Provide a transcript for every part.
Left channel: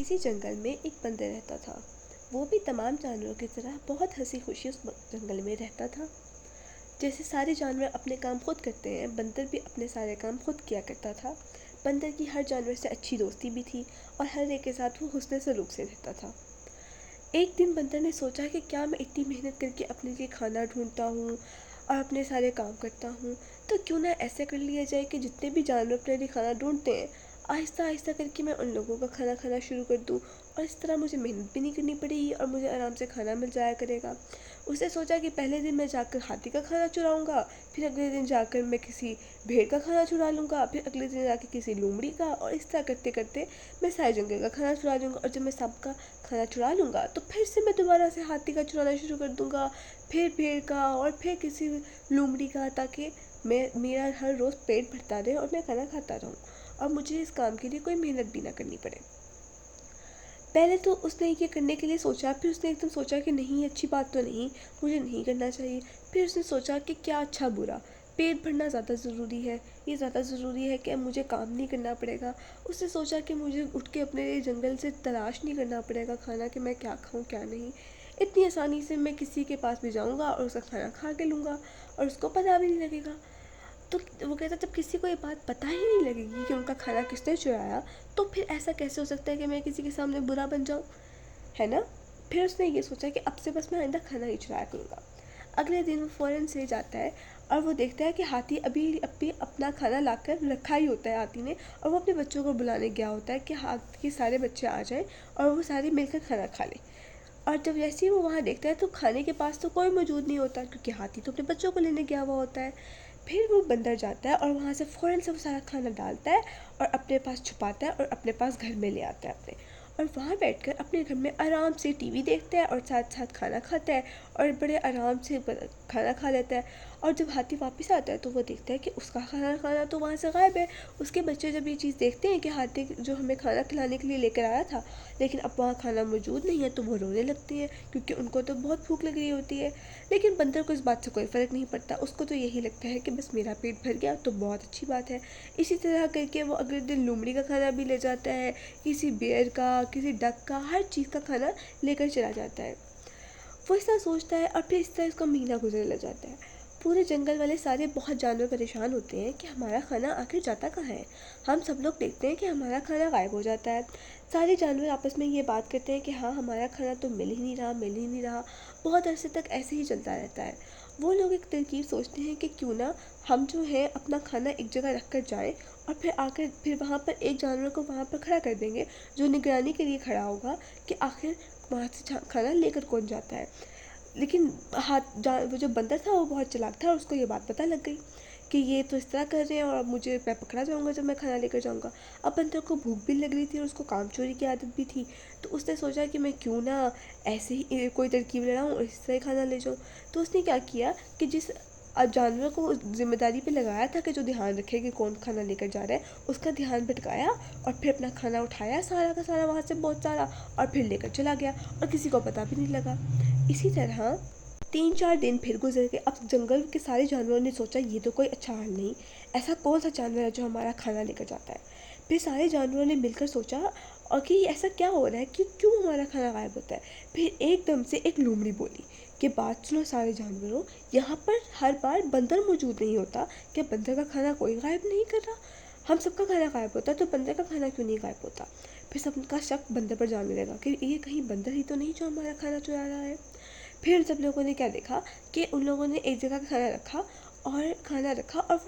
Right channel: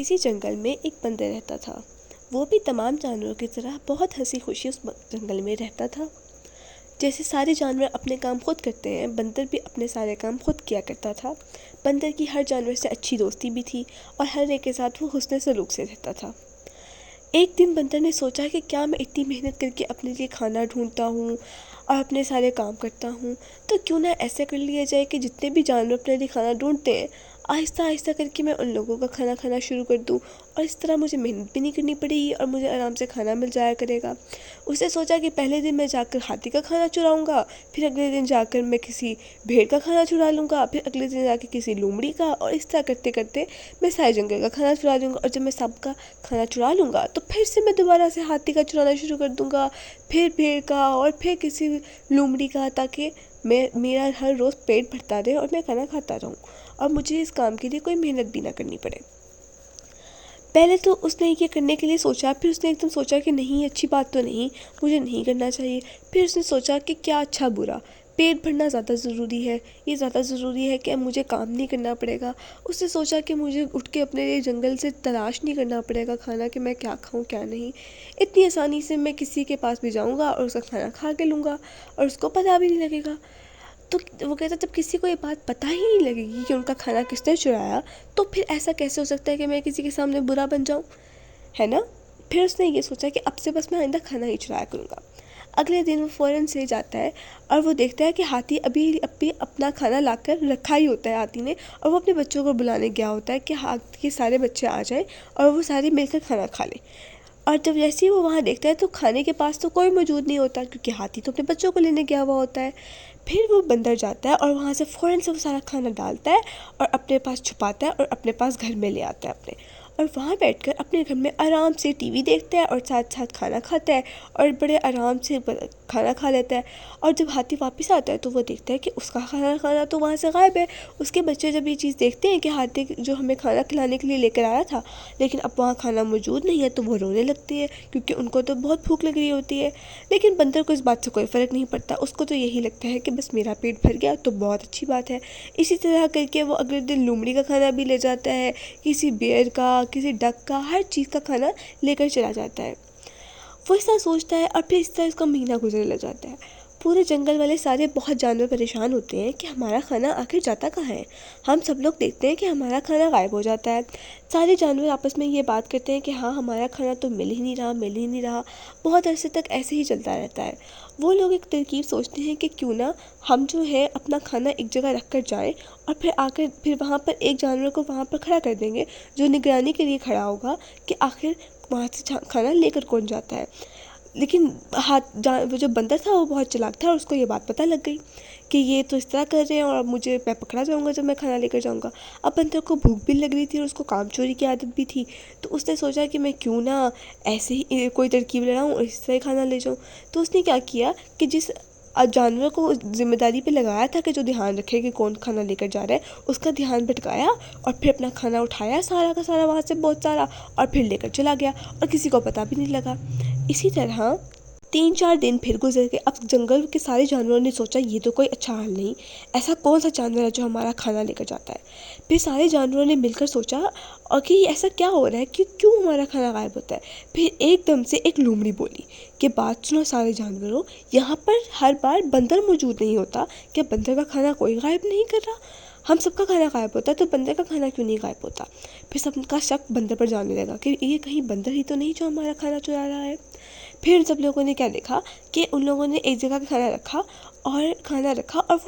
کسی جنگل میں ایک بندر رہتا تھا۔ وہ بھی تمام جانوروں کی طرح بہت ہنسی خوشی اس جنگل میں رہتا تھا۔ جیسے سارے جانور اپنے کام خود کرتے ہیں، بندر بھی اپنے سارے کام خود کیا کرتا تھا۔ بندر کی ہر جانور سے اچھی دوستی بھی تھی اور ہر ایک کے ساتھ وہ حسن سلوک سے رہتا تھا۔ ایک دن بندر نے سوچا کہ کیا میں اتنی محنت کر کے اپنے لیے کھانا ڈھونڈتا ہوں اور اپنے سارے کام کرتا ہوں، تو کیوں نہ ایسا کر لیا جائے کہ جتنے بھی جانور اپنے لیے کھانا ڈھونڈتے ہیں، آہستہ آہستہ کر کے میں ان لوگوں کا کھانا کھانا شروع کر دوں، اور اس طرح مجھے محنت بھی نہیں کرنی پڑے گی اور مجھے آرام سے کھانا مل جایا کرے گا۔ اس نے سوچا کہ پہلے دن میں جا کر ہاتھی کا کھانا چراؤں گا، پھر اگلے دن جا کر میں کسی بھیڑ کا کھانا چرا لوں گا، پھر اگلے دن جا کے کسی لومڑی کا، اور اس طرح کرتے کرتے میں سارے جنگل کا کھانا چرا لوں گا، اور جب میں سب کا کھانا چرا لوں گا تو پھر سے میں دوبارہ سے ہاتھی کا چرانا شروع کر دوں گا، پھر بھیڑ کا، اور پھر کسی لومڑی کا، تاکہ میرا ہر روز پیٹ بھرتا رہے اور میں کھانا کھاتا رہوں اور مجھے اس کام کے لیے کوئی محنت بھی نہ کرنی پڑے۔ پہلے تو اس نے یہ کرنے کے لیے سوچا، پھر اس نے ایک دم سوچا کہ نہیں، اچھی بات تو نہیں، مجھے نہیں کرنا چاہیے۔ پھر اس نے سوچا کہ کیا اچھا برا، پیٹ بھرنا زیادہ ضروری ہے، یہ زیادہ ضروری ہے کہ اب مجھے کام نہیں کرنا پڑے گا۔ اس نے سوچا کہ مجھے اٹھ کے اپنے لیے جنگل سے تلاش نہیں کرنا پڑے گا کھانا، کہ میں کیا کھاؤں کیا نہیں، اتنی آسانی سے میں کسی کے پاس بھی جاؤں گا اور اس کا کھانا کھا کے لوں گا اور اس کو پتہ بھی نہیں لگے گا۔ تو وہ کہتا جب کسی کو یہ بات پتہ ہی نہیں لگے گی کہ ان کا کھانا کس نے چرایا، تو پھر ایسا کیسے ہو سکتا ہے کہ میں کسی کے سامنے برا بن جاؤں، ہے نا؟ پھر اس نے یہ سوچا کہ اب سے بس میں آئندہ کھانا ہی چرایا کروں گا۔ اگلے دن وہ فوراً سے جاتا ہے اور وہ دیکھتا ہے کہ ہاتھی ابھی اپنا کھانا لا کر رکھا ہی ہوتا ہے ہاتھی نے، اور وہ اپنے بچوں کو بلانے گیا ہوتا ہے کہ ہاتھی کے سارے بچے آ جائیں اور وہ سارے مل کر کھانا کھا لیں۔ اور جب جیسے ہی وہ وہاں دیکھتا ہے تو کھانے کے پاس تو کوئی موجود نہیں ہوتا، کیونکہ ہاتھی تو اپنے بچوں کو لینے گیا ہوا ہوتا ہے۔ پھر وہ بندر جاتا ہے اور وہاں سے فوراً سے وہ سارا کھانا ڈالتا ہے اور اپنے پاس چھپاتا ہے اور اپنے پاس گھر میں لے آتا ہے اپنے، اور وہاں بیٹھ کر اپنے گھر میں آرام سے ٹی وی دیکھتا ہے اور ساتھ ساتھ کھانا کھاتا ہے اور بڑے آرام سے کھانا کھا لیتا ہے۔ اور جب ہاتھی واپس آتا ہے تو وہ دیکھتا ہے کہ اس کا کھانا تو وہاں سے غائب ہے۔ اس کے بچے جب یہ چیز دیکھتے ہیں کہ ہاتھی جو ہمیں کھانا کھلانے کے لیے لے کر آیا تھا لیکن اب وہاں کھانا موجود نہیں ہے، تو وہ رونے لگتے ہیں کیونکہ ان کو تو بہت بھوک لگ رہی ہوتی ہے۔ لیکن بندر کو اس بات سے کوئی فرق نہیں پڑتا، اس کو تو یہی لگتا ہے کہ بس میرا پیٹ بھر گیا تو بہت اچھی بات ہے۔ اسی طرح کر کے وہ اگلے دن لومڑی کا کھانا بھی لے جاتا ہے، کسی بیئر کا، کسی ڈک کا، ہر چیز کا کھانا لے کر چلا جاتا ہے۔ وہ اس طرح سوچتا ہے اور پھر اس طرح اس کا مہینہ گزرنے لگ جاتا ہے۔ پورے جنگل والے سارے بہت جانور پریشان ہوتے ہیں کہ ہمارا کھانا آخر جاتا کہاں ہے۔ ہم سب لوگ دیکھتے ہیں کہ ہمارا کھانا غائب ہو جاتا ہے۔ سارے جانور آپس میں یہ بات کرتے ہیں کہ ہاں، ہمارا کھانا تو مل ہی نہیں رہا، مل ہی نہیں رہا۔ بہت عرصے تک ایسے ہی چلتا رہتا ہے۔ وہ لوگ ایک ترکیب سوچتے ہیں کہ کیوں نہ ہم جو ہے اپنا کھانا ایک جگہ رکھ کر جائیں اور پھر آ کر پھر وہاں پر ایک جانور کو وہاں پر کھڑا کر دیں گے جو نگرانی کے لیے کھڑا ہوگا کہ آخر وہاں سے کھانا لے کر کون جاتا ہے۔ لیکن وہ جو بندر تھا وہ بہت چلاک تھا اور اس کو یہ بات پتہ لگ گئی کہ یہ تو اس طرح کر رہے ہیں اور میں پکڑا جاؤں گا جب میں کھانا لے کر جاؤں گا۔ اب بندر کو بھوک بھی لگ رہی تھی اور اس کو کام چوری کی عادت بھی تھی، تو اس نے سوچا کہ میں کیوں نہ ایسے ہی کوئی ترکیب لڑاؤں اور اس طرح کھانا لے جاؤں۔ تو اس نے کیا کیا کہ جس جانور کو ذمہ داری پہ لگایا تھا کہ جو دھیان رکھے کہ کون کھانا لے کر جا رہا ہے، اس کا دھیان بھٹکایا اور پھر اپنا کھانا اٹھایا سارا کا سارا وہاں سے بہت سارا، اور پھر لے کر چلا گیا اور کسی کو پتہ بھی نہیں لگا۔ اسی طرح 3-4 دن پھر گزر گئے۔ اب جنگل کے سارے جانوروں نے سوچا یہ تو کوئی اچھا حال نہیں، ایسا کون سا جانور ہے جو ہمارا کھانا لے کر جاتا ہے۔ پھر سارے جانوروں نے مل کر سوچا اور کہ ایسا کیا ہو رہا ہے کہ کیوں ہمارا کھانا غائب ہوتا ہے۔ پھر ایک دم سے ایک لومڑی بولی کہ بات سنو سارے جانوروں، یہاں پر ہر بار بندر موجود نہیں ہوتا، کہ بندر کا کھانا کوئی غائب نہیں کر رہا، ہم سب کا کھانا غائب ہوتا ہے تو بندر کا کھانا کیوں نہیں غائب ہوتا۔ پھر سب کا شک بندر پر جانے لگا کہ یہ کہیں بندر ہی تو نہیں جو ہمارا کھانا چرا رہا ہے۔ پھر ان سب لوگوں نے کیا دیکھا کہ ان لوگوں نے ایک جگہ پہ کھانا رکھا اور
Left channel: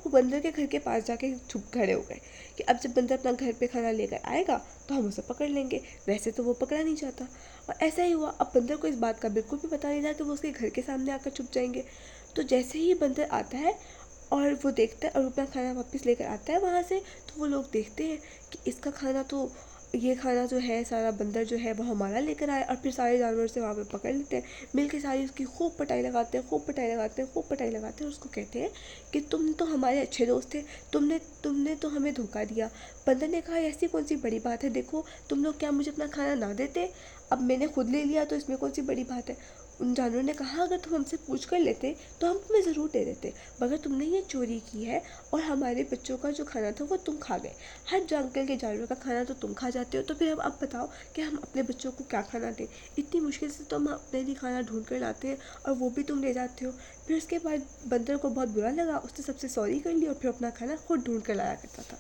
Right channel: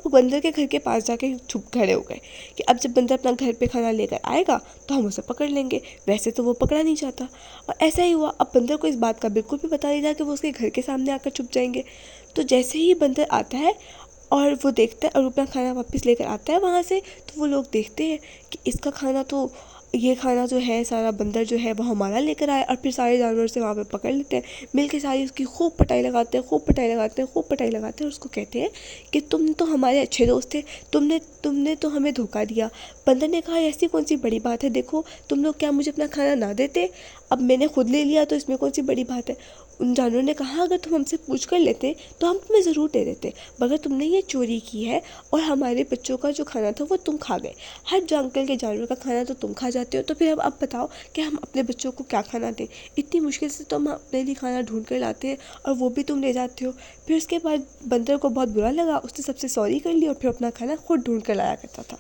وہ بندر کے گھر کے پاس جا کے چھپ کھڑے ہو گئے کہ اب جب بندر اپنا گھر پہ کھانا لے کر آئے گا تو ہم اسے پکڑ لیں گے۔ ویسے تو وہ پکڑا نہیں جاتا اور ایسا ہی ہوا۔ اب بندر کو اس بات کا بالکل بھی پتہ نہیں تھا کہ وہ اس کے گھر کے سامنے آ کر چھپ جائیں گے۔ تو جیسے ہی بندر آتا ہے اور وہ دیکھتا ہے اور اپنا کھانا واپس لے کر آتا ہے وہاں سے، تو وہ لوگ دیکھتے ہیں کہ اس کا کھانا تو یہ کھانا جو ہے سارا بندر جو ہے وہ ہمارا لے کر آیا، اور پھر سارے جانور سے وہاں پہ پکڑ لیتے ہیں، مل کے ساری اس کی خوب پٹائی لگاتے ہیں، خوب پٹائی لگاتے ہیں، خوب پٹائی لگاتے ہیں، اور اس کو کہتے ہیں کہ تم تو ہمارے اچھے دوست تھے، تم نے تو ہمیں دھوکہ دیا۔ بندر نے کہا ایسی کون سی بڑی بات ہے، دیکھو تم لوگ کیا مجھے اپنا کھانا نہ دیتے، اب میں نے خود لے لیا تو اس میں کون سی بڑی بات ہے۔ ان جانوروں نے کہا اگر تم ہم سے پوچھ کر لیتے تو ہم تمہیں ضرور دے دیتے، مگر تم نے یہ چوری کی ہے اور ہمارے بچوں کا جو کھانا تھا وہ تم کھا گئے، ہر جنگل کے جانوروں کا کھانا تو تم کھا جاتے ہو، تو پھر اب بتاؤ کہ ہم اپنے بچوں کو کیا کھانا دیں، اتنی مشکل سے تم اپنے لیے کھانا ڈھونڈ کر لاتے ہیں اور وہ بھی تم لے جاتے ہو۔ پھر اس کے بعد بندر کو بہت برا لگا، اس نے سب سے سوری کر لی اور پھر اپنا کھانا خود ڈھونڈ کر لایا کرتا تھا۔